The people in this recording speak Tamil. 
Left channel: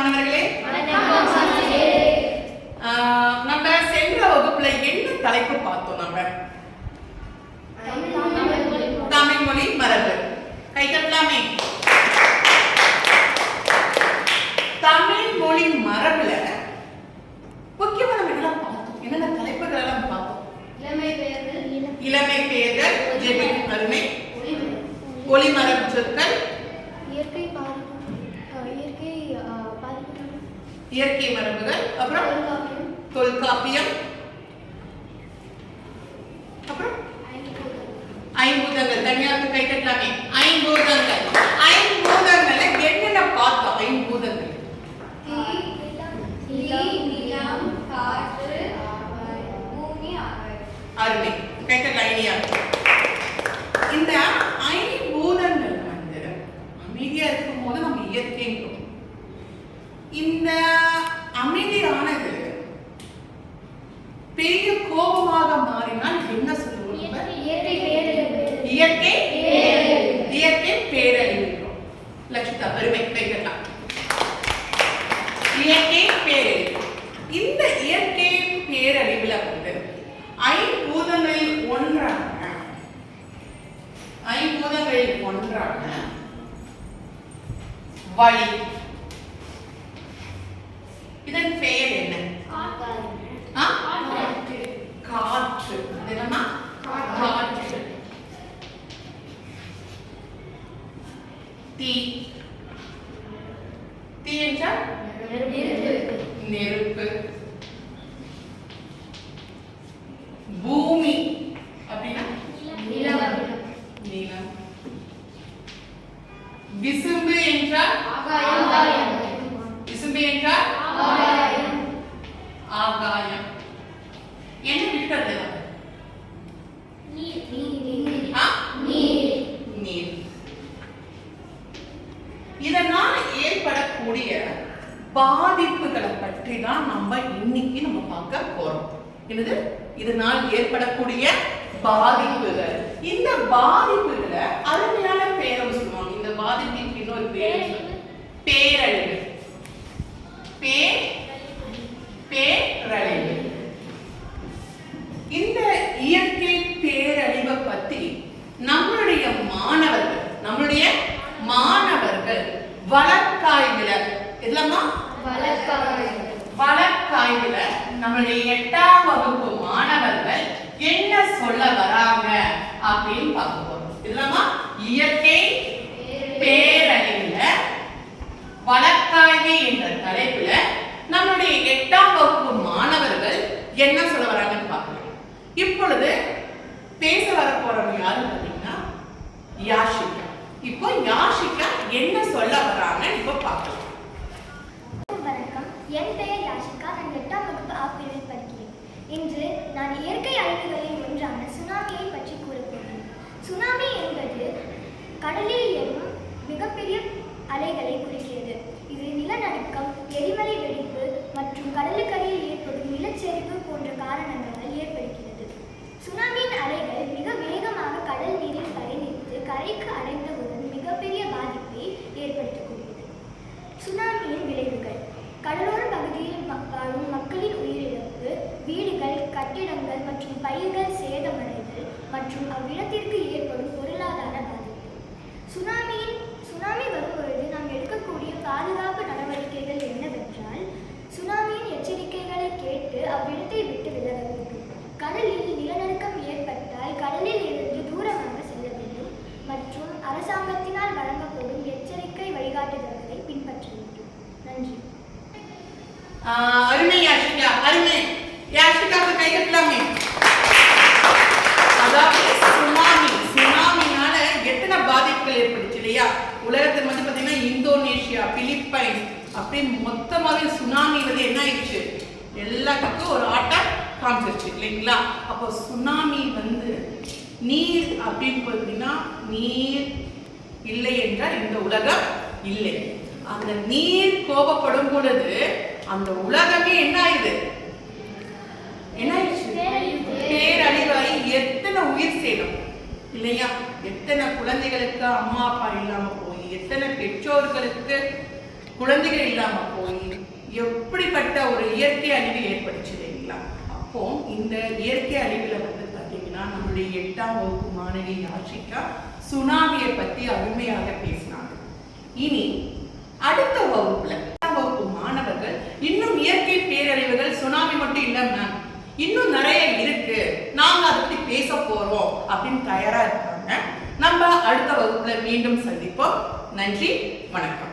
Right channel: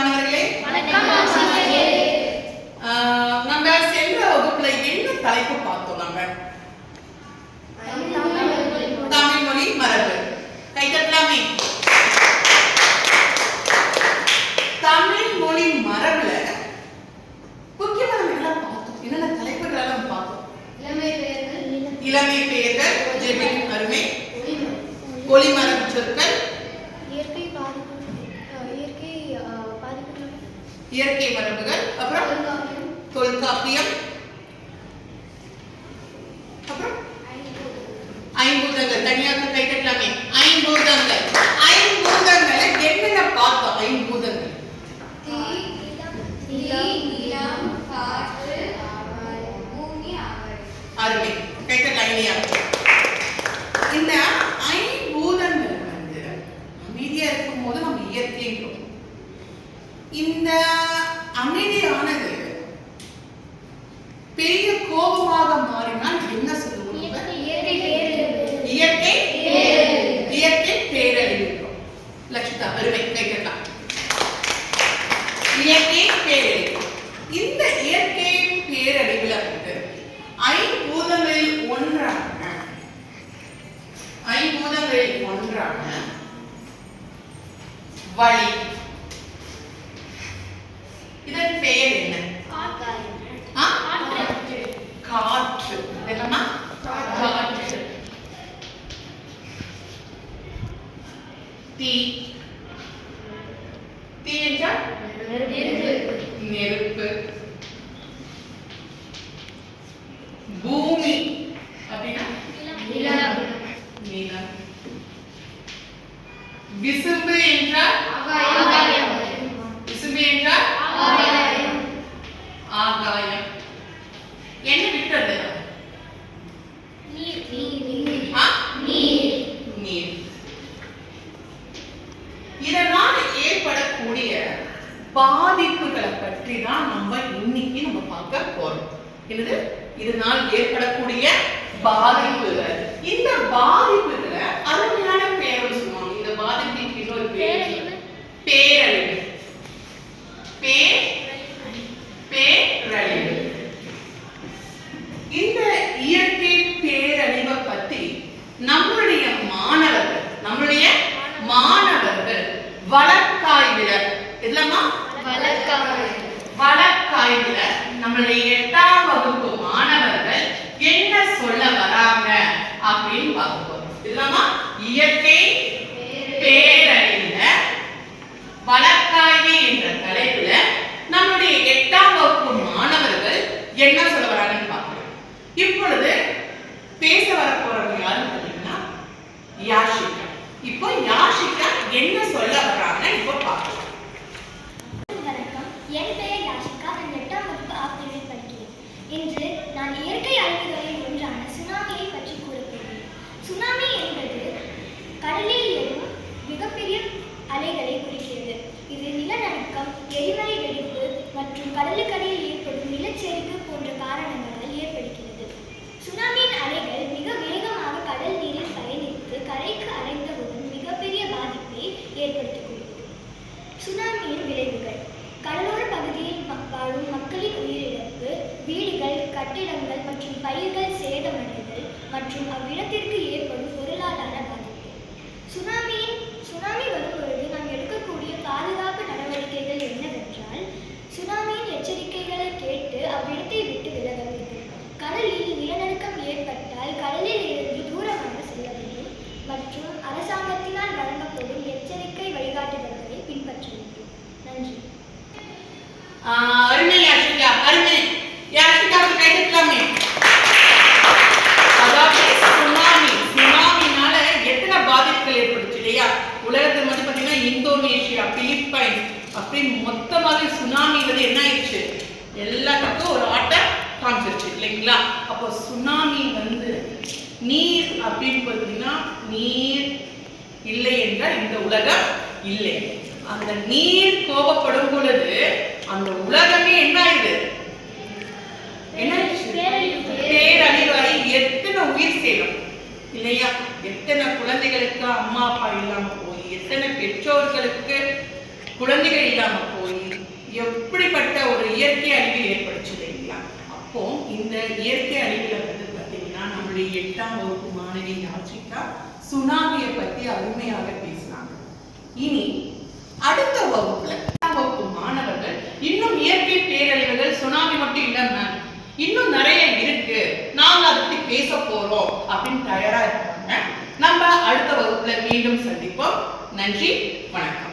மாணவர்களே ஆஹ், நம்ம சென்ற வகுப்புல என்ன தலைப்பு பார்த்தோம் நம்ம தமிழ் மொழி மரபு கை தட்டலாமே தமிழ் மொழி மரபுல முக்கியமான இதெல்லாம் பார்த்தோம் என்னென்ன தலைப்புகள் எல்லாம் பார்த்தோம் இளமை பெயர்கள் ஜெபின் அருமை ஒளிமரபு சொற்கள் இயற்கை பாதிப்பு இயற்கை பாதிப்புகள் இயற்கை மரபுகள் அப்புறம் தொல்காப்பியம். அப்புறம் ஐம்பூதங்கள். தனியாக கை தட்டலாமே ஐம்பூதங்கள். ஐம்பூதங்கள்ல என்னென்ன பார்த்தோம் ஐம்பூதங்கள்? அருமை. கை தட்டலாம் இனியா. இந்த ஐம்பூதங்கள் வந்து அமைதியா இருக்கும் போது நம்ம இயற்கைன்றோம் இந்த அமைதியானது பெரிய கோபமாக மாறினால் என்ன சொல்லுவோம்? இயற்கை இயற்கை பேரழிவுன்றோம் லட்சிதா அருமை கைகட்டலாம் இயற்கை பேரழிவு இந்த இயற்கை பேரழிவுல வந்து ஐம்பூதங்களில் ஒன்றாக ஐம்பூதங்களில் ஒன்றாக வழி தீ. தீ என்றால்? நெருப்பு. பூமி. அப்படின்னா? நிலம். விசும்பு என்றால்? விசும்பு என்றால்? ஆகாயம் என்ன விட்டது ஆ? நீர் இதனால் ஏற்படக்கூடிய பாதிப்புகளை பற்றி தான் நம்ம இன்னைக்கு நம்ம பார்க்க போறோம். என்னது? இதனால் ஏற்படக்கூடிய பாதிப்புகள் அருமையான பேரும் சொல்லுவாங்க இந்த பாதிப்புக்கு இன்னொரு பேர் சொல்லுவாங்க. பேரழிவு பே பேரழிவு இந்த இயற்கை பேரழிவை பத்தி நம்மளுடைய மாணவர்கள் நம்மளுடைய மாணவர்கள் இல்லம்மா வழக்காய்வுல நம்மளுடைய எட்டாம் வகுப்பு மாணவர்கள் என்ன சொல்ல வராங்க அப்படின்னு பார்க்க போறோம் இல்லம்மா இயற்கை பேரழிவுல வழக்காய்வு என்ற தலைப்புல நம்முடைய எட்டாம் வகுப்பு மாணவர்கள் என்ன சொல்ல வராங்கன்னு பார்க்கலாம். இப்பொழுது பேச வர போறவங்க யாருன்னு பார்த்தீங்கன்னா யாஷிகா. இப்போ யாஷிகா என்ன சொல்ல வராங்க இப்போ பார்க்கலாம். என் பெயர் யாஷிகா நான் எட்டாம் வகுப்பு ஆ படிக்கிறேன் இன்று நான் இயற்கை அழிவுகளில் ஒன்றான சுனாமியை பற்றி கூறப்போகிறேன். சுனாமி என்பது கடலில் எழும் மிகப்பெரிய அலைகளை குறிக்கிறது. இது நிலநடுக்கம் எரிமலை வெடிப்பு மற்றும் கடலுக்கடியில் ஏற்படும் நிலச்சரிவு போன்ற காரணங்கள். மற்றும் பயிர்கள் சேதமடைதல் மற்றும் அவ்விடத்திற்கு ஏற்படும் பொருளாதார பாதிப்பு. சுனாமியின் சுனாமி வரும்பொழுது நாம் எடுக்கக்கூடிய பாதுகாப்பு நடவடிக்கைகள் என்னவென்றால் சுனாமியின் எச்சரிக்கைகளை கேட்டு அவ்விடத்தை விட்டு விலக வேண்டும். கடலில் நிலநடுக்கம் ஏற்பட்டால் கடலில் இருந்து தூரமாக செல்ல வேண்டும் மற்றும் அரசாங்கத்தினால் வழங்கப்படும் எச்சரிக்கை வழிகாட்டுதல்களை பின்பற்ற வேண்டும். நன்றி. அருமை அருமை யாஷிகாவுக்கு கை தட்டலாமே அதாவது சுனாமி சுனாமினால எத்தனை பாதிப்புகள் ஏற்பட்டுச்சு இல்லையா உலகத்தில் வந்து பார்த்தீங்கன்னா இந்தோனேஷியா பிலிப்பைன்ஸ் அப்படி மொத்தமாகவே சுனாமி வந்து என்ன ஆயிடுச்சு? எல்லாத்துக்கும் ஒரு ஆட்டம் காமிச்சிருச்சு இல்லைங்களா? அப்போ சுனாமி வந்து நீர் அப்படின்னு பார்த்தீங்கன்னா நீர் இல்லை என்றால் இந்த உலகம் இல்லை. அந்த நீர் கோபப்படும் பொழுது அந்த உலகமே என்ன ஆயிடுது? என்ன ஆயிடுச்சு? பேரழிவாகி எத்தனை உயிர் சேதம் இல்லையா? எத்தனை குழந்தைகளுக்கு அம்மா அப்பா இல்லாமல் எத்தனை பெற்றோர்களுக்கு குழந்தைகள் இல்லாம போய் எப்படிப்பட்ட ஒரு இயற்கை அறிவில் ஏற்படுச்சு இல்லைங்களா அப்போ இந்த இயற்கை அறிவில் வந்து பாத்தீங்கன்னா நம்மளுடைய எட்டாம் வகுப்பு மாணவி யாச்சிக்கா சுனாமியை பத்தி அருமையாக பேசினாங்க. இனி அடுத்த வகுப்புல எட்டாம் வகுப்பு மாணவர்கள் இன்னும் இயற்கை பேரழிவுகள் சுனாமி மட்டும் இல்ல மேம் இன்னும் நிறைய இருக்கு. நாங்க அதை பத்தி பேச போறோம் அப்படின்னு தயாரா இருப்பாங்க நம்ம அடுத்த வகுப்புல மீண்டும் சந்திப்போம். நன்றி வணக்கம்.